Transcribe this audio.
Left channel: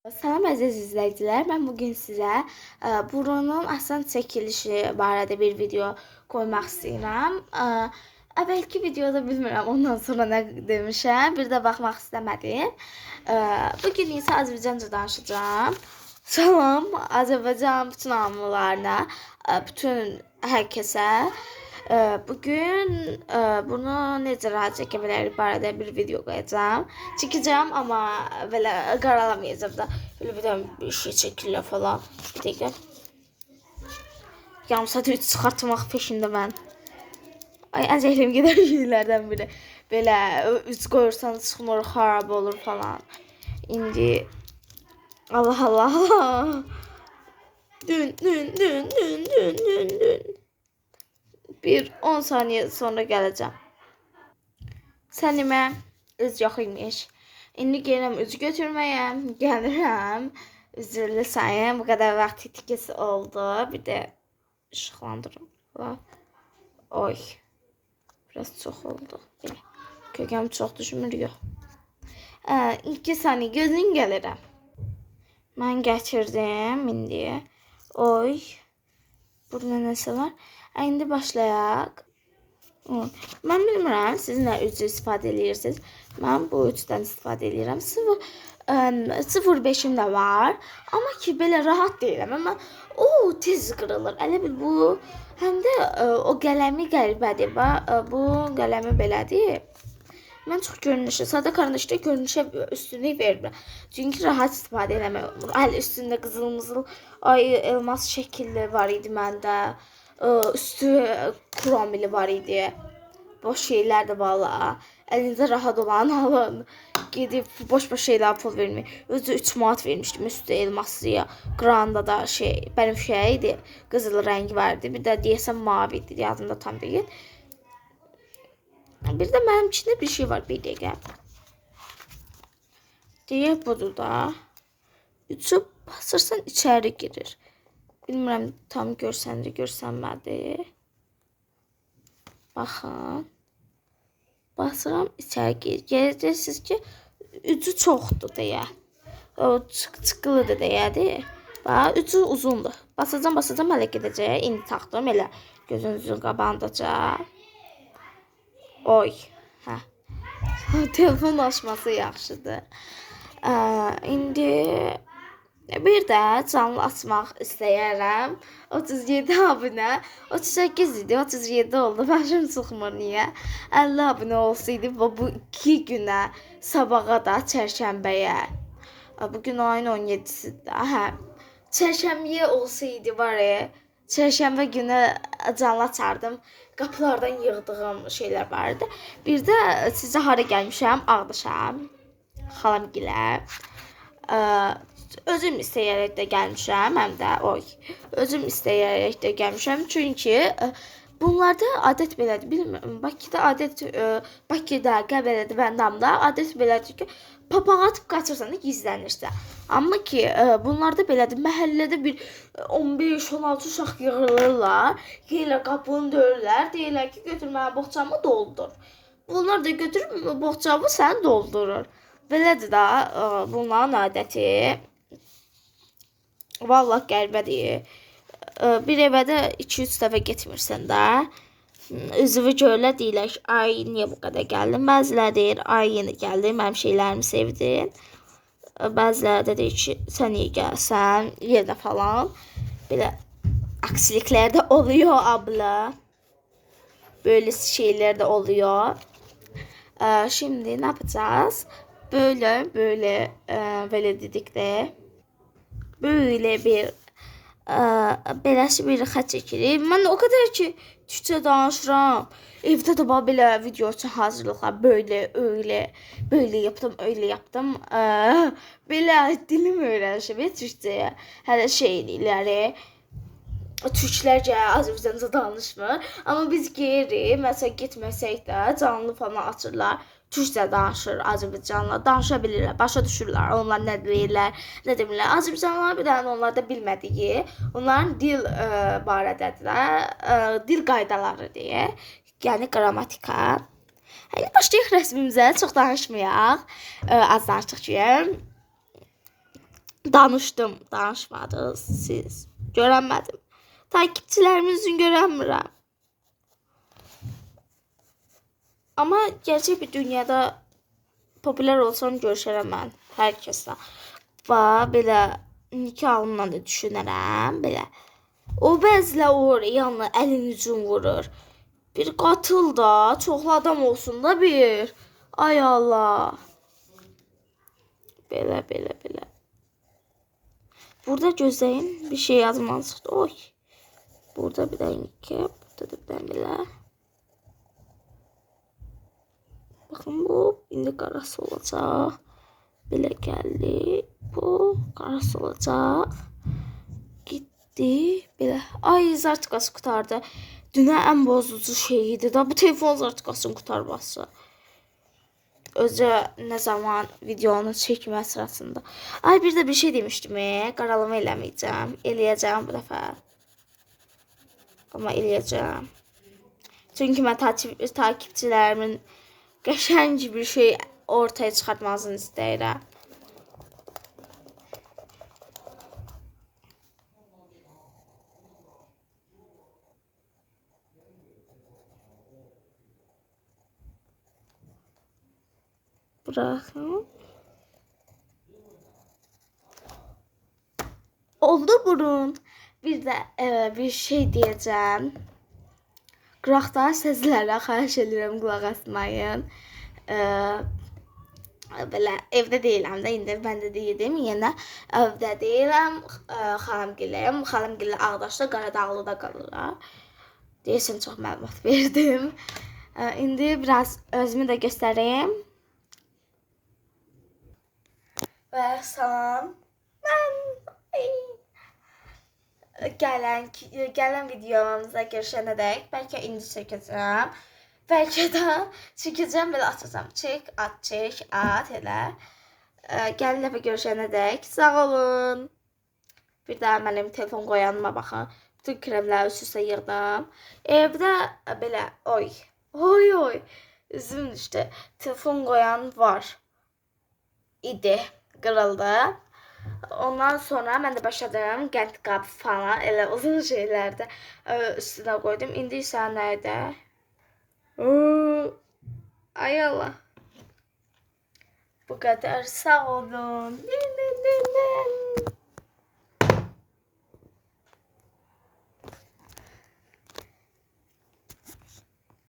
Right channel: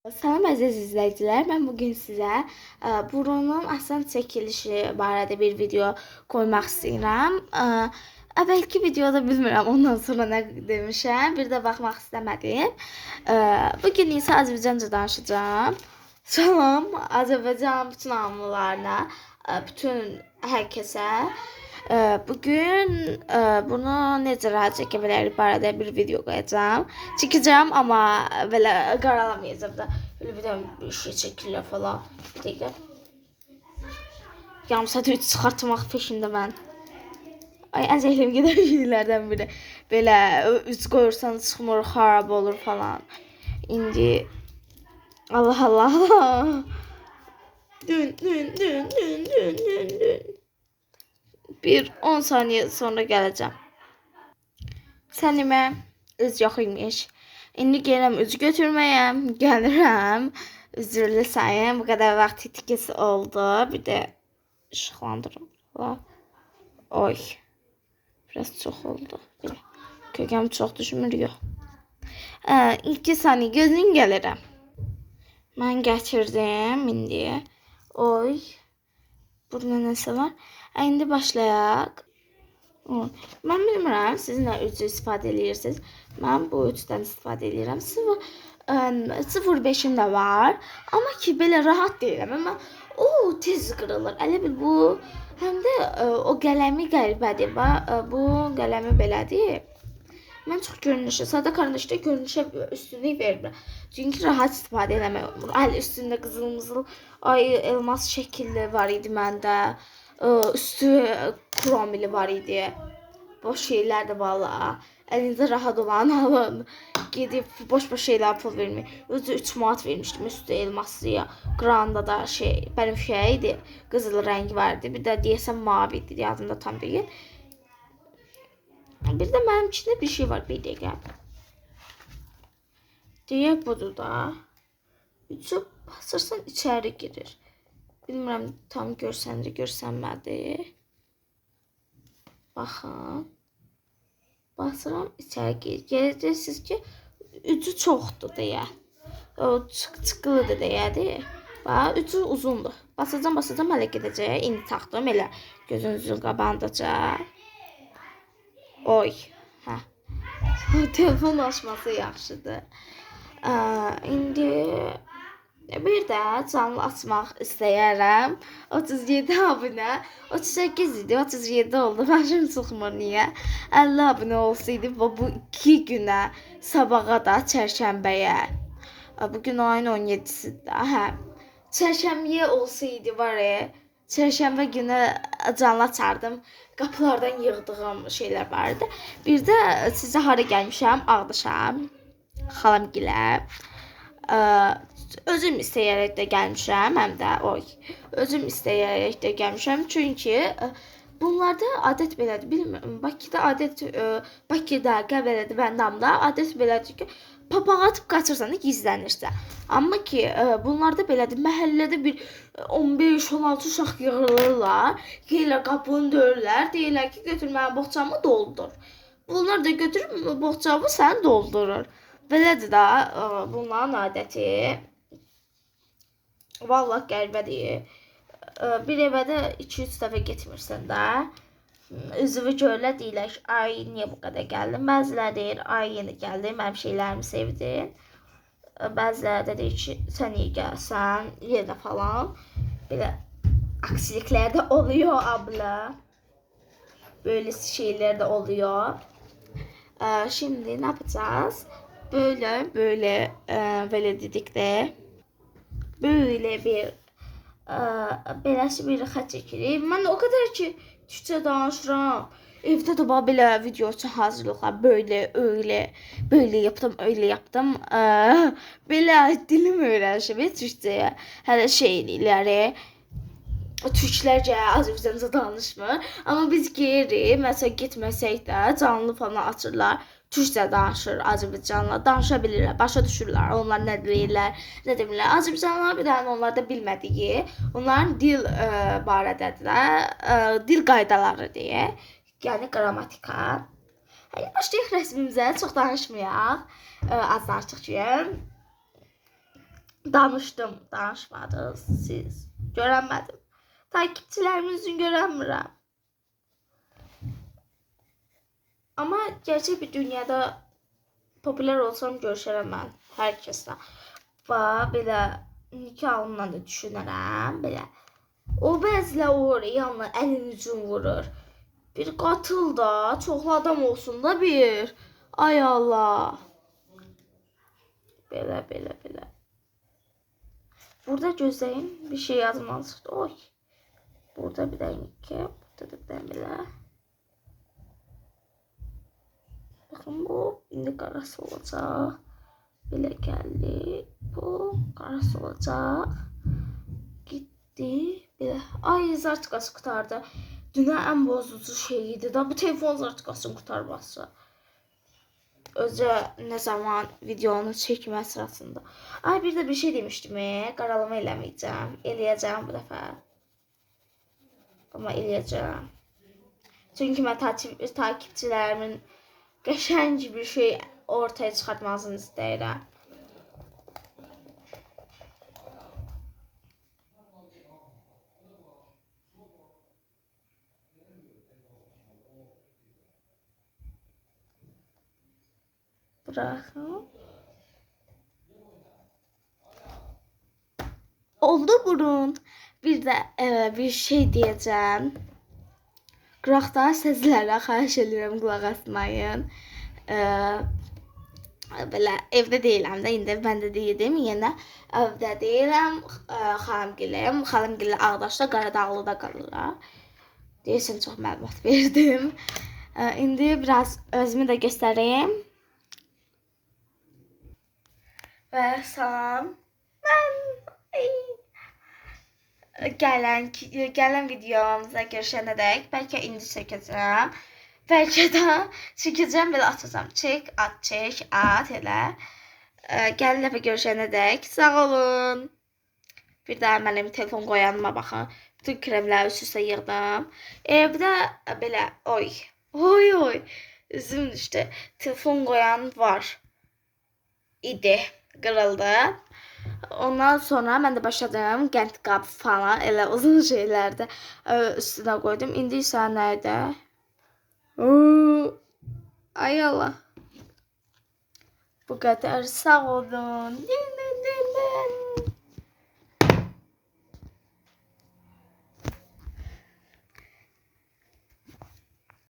Salam əziz izləyicilər, mən bugün sizə burunun asan çəkilişi barədə bir video qoymaq istəyirəm. Əvvəlki videoda bilmirəm, ondan sonra nə demişəm, bir də baxmaq istəmədim. Bugün isə Azərbaycanca danışacağım. Salam Azərbaycan bütün hamılarına, bütün hər kəsə. Bugün bunu necə rahat çəkə bilərik barədə bir video qoyacağım. Çəkəcəm, amma belə qaralamayacağım da. Böyle bir şey çəkirlər falan. Bir dəqiqə. Yarım saat çıxartmaq peşində mən. Ay, ən zəhləm gedən şeylərdən biri. Belə üç qoyursan çıxmır, xarab olur falan. İndi Allah Allah. Dün. Bir 10 saniye sonra gələcəm. Sənimə üz yox imiş. İndi gəlirəm üz götürməyəm. Gəlirəm. Üzrlü sayım. Bu qədər vaxt itkisi oldu. Bir də işıqlandırım. Oy. Biraz çox oldu. Belə. Kökəm çox düşmür, yox. 2 saniye gözün gəlirəm. Mən gətirdim indi. Oy. Burada nəsə var? İndi başlayaq. Mən bilmirəm, siz nə üçü istifadə edirsiniz. Mən bu üçdən istifadə edirəm. 0.5'im də var. Amma ki, belə rahat deyirəm. Amma tez qırılır. Elə bil bu, həm də o qələmi qəribədir. Bu qələmi belədir. Mən çox görünüşə, sadə karandaşda görünüşə üstünlük verirəm. Çünki rahat istifadə eləmək. Əl üstündə qızıl-mızıl, elmas şəkilli var idi məndə. Üstü kromili var idi. Boş şeylər də valla. Əlinizdə rahat olan alın. Gedib boş-boş şeylər pul vermək. Özü 3 manat vermişdim üstü elmaslıya. Qranda da benim idi. Qızıl rəngi vardı. Bir də deyəsən mavi idi. Yadımda tam deyil. Bir də mənim içində bir şey var. Bir dəqiqə. Deyək budur da. Üçü basırsan içəri girir. Bilmirəm tam görsənmədi. Baxın. Basıram içəri girir. Gələcəksiniz ki, ucu çoxdur deyə. O çıxılıdır deyədir. Bax, ucu uzundur. Basacam, hələ gedəcək. İndi taxdım elə gözünüzün qabağındaca. Oy. Hə. Telefon açması yaxşıdır. İndi bir də canlı açmaq istəyərəm. 37 abunə, 38 idi, 37 oldu. Başım çıxmır niyə? 50 abunə olsaydı bu 2 günə, sabaha da çərşənbəyə. Bugün ayın 17-sidir. Hə. Çərşənbəyə olsaydı var ya, çərşənbə günü canlı açardım. Qapılardan yığdığım şeylər vardı. Bir də sizə hara gəlmişəm? Ağdaşam. Xalamgilə. Özüm istəyərək də gəlmişəm, həm də özüm istəyərək də gəlmişəm, çünki bunlarda adət belədir, bilmirəm, Bakıda, Qəbələdə, Bəndamda adət belədir ki, papağı atıb qaçırsan da gizlənirsən. Amma ki, bunlarda belədir, məhəllədə bir 15-16 uşaq yığılırlar, gəlirlər qapını döyürlər, deyirlər ki, götür mənim boğçamı doldur. Bunlar da götürüb boğçamı sən doldurur. Belədir da, bunların adəti. Vallahi qəribədir. Bir evə də 2-3 dəfə getmirsən də. Üzvü görürlər, deyirlər ki, ay niyə bu qədər gəldin? Bəziləri deyir, ay yeni gəldim, mənim şeylərimi sevdin. Bəziləri də deyir ki, sən niyə gəlsən, yenə falan. Belə aksiliklər də oluyor abla. Böyle şeyler de oluyor. Şimdi ne yapacağız? Böyle dedik de böyle bir beləsi bir xət çəkirik. Mən o qədər ki türkçə danışıram. Evdə də belə video üçün hazırlıqlar böyle yaptım. Belə dilim öyrənişim türkçəyə. Hələ şeyləri Türklərcə, Azərbaycanca danışmır. Amma biz geri, məsələn, getməsək də canlı falan açırlar. Türkçə danışır Azərbaycanla. Danışa bilirlər, başa düşürlər. Onlar nə deyirlər, nə demirlər. Azərbaycanlılar bir dənə onlarda bilmədiyi, onların dil barədədirlər. Dil qaydaları deyə. Yəni qrammatika. Hadi başlayaq rəsmimizə. Çox danışmayaq. Az danışdıq ki. Danışdım, danışmadınız siz. Görənmədim. Takipçilərimizin görənmirəm. Ama gerçek bir dünyada popüler olsam görüşərəm mən hər kəslə. Və belə nikahımla da düşünərəm, belə. O bəzilə olur, yanına əlin ucun vurur. Bir qatıl da, çoxlu adam olsun da bir. Ay Allah. Belə, belə, belə. Burada gözləyin, bir şey yazmalısınız. Oy. Burada bir dənə iki, burada da bir dənə belə. Bakın bu indi qarası olacaq. Belə gəldi. Bu qarası olacaq. Gitti. Belə. Ay zartıqası qutardı. Dünə ən bozucu şey idi da bu telefon zartıqasının qutarması. Özü ne zaman videonu çekmə sırasında. Ay bir de bir şey demiştim. Qaralama eləməyəcəm. Eləyəcəm bu dəfə. Ama eləyəcəm. Çünkü mən takipçilerimin qəşəng bir şey ortaya çıxartmasını istəyirəm. Bırakın. Oldu burun. Bir de bir şey diyeceğim. Qıraqdan səslərə xahiş edirəm, qulaq asmayın. Belə evdə deyiləm də, indi mən də dedim, yenə evdə deyiləm, xalamgilə Ağdaşda, Qaradağlıda qalırlar. Deyəsən çox məlumat verdim. İndi biraz özümü də göstəreyim. Və salam. Mən gələn videomuzda görüşənədək bəlkə indi çəkəcəm. Bəlkə də çəkəcəm, belə atacağım. Çək, at elə. Gəlin dəfə görüşənədək sağ olun. Bir daha mənim telefon qoyanıma baxın. Bütün kremləri üst-üstə yığdım. Bir də belə oy. Üzüm düşdü. Telefon qoyan var idi. Qırıldı. Ondan sonra mən də başladım qənd qab falan, elə uzun şeylərdə üstünə qoydum. İndi isə nədə? Ay Allah. Bu qədər, sağ olun.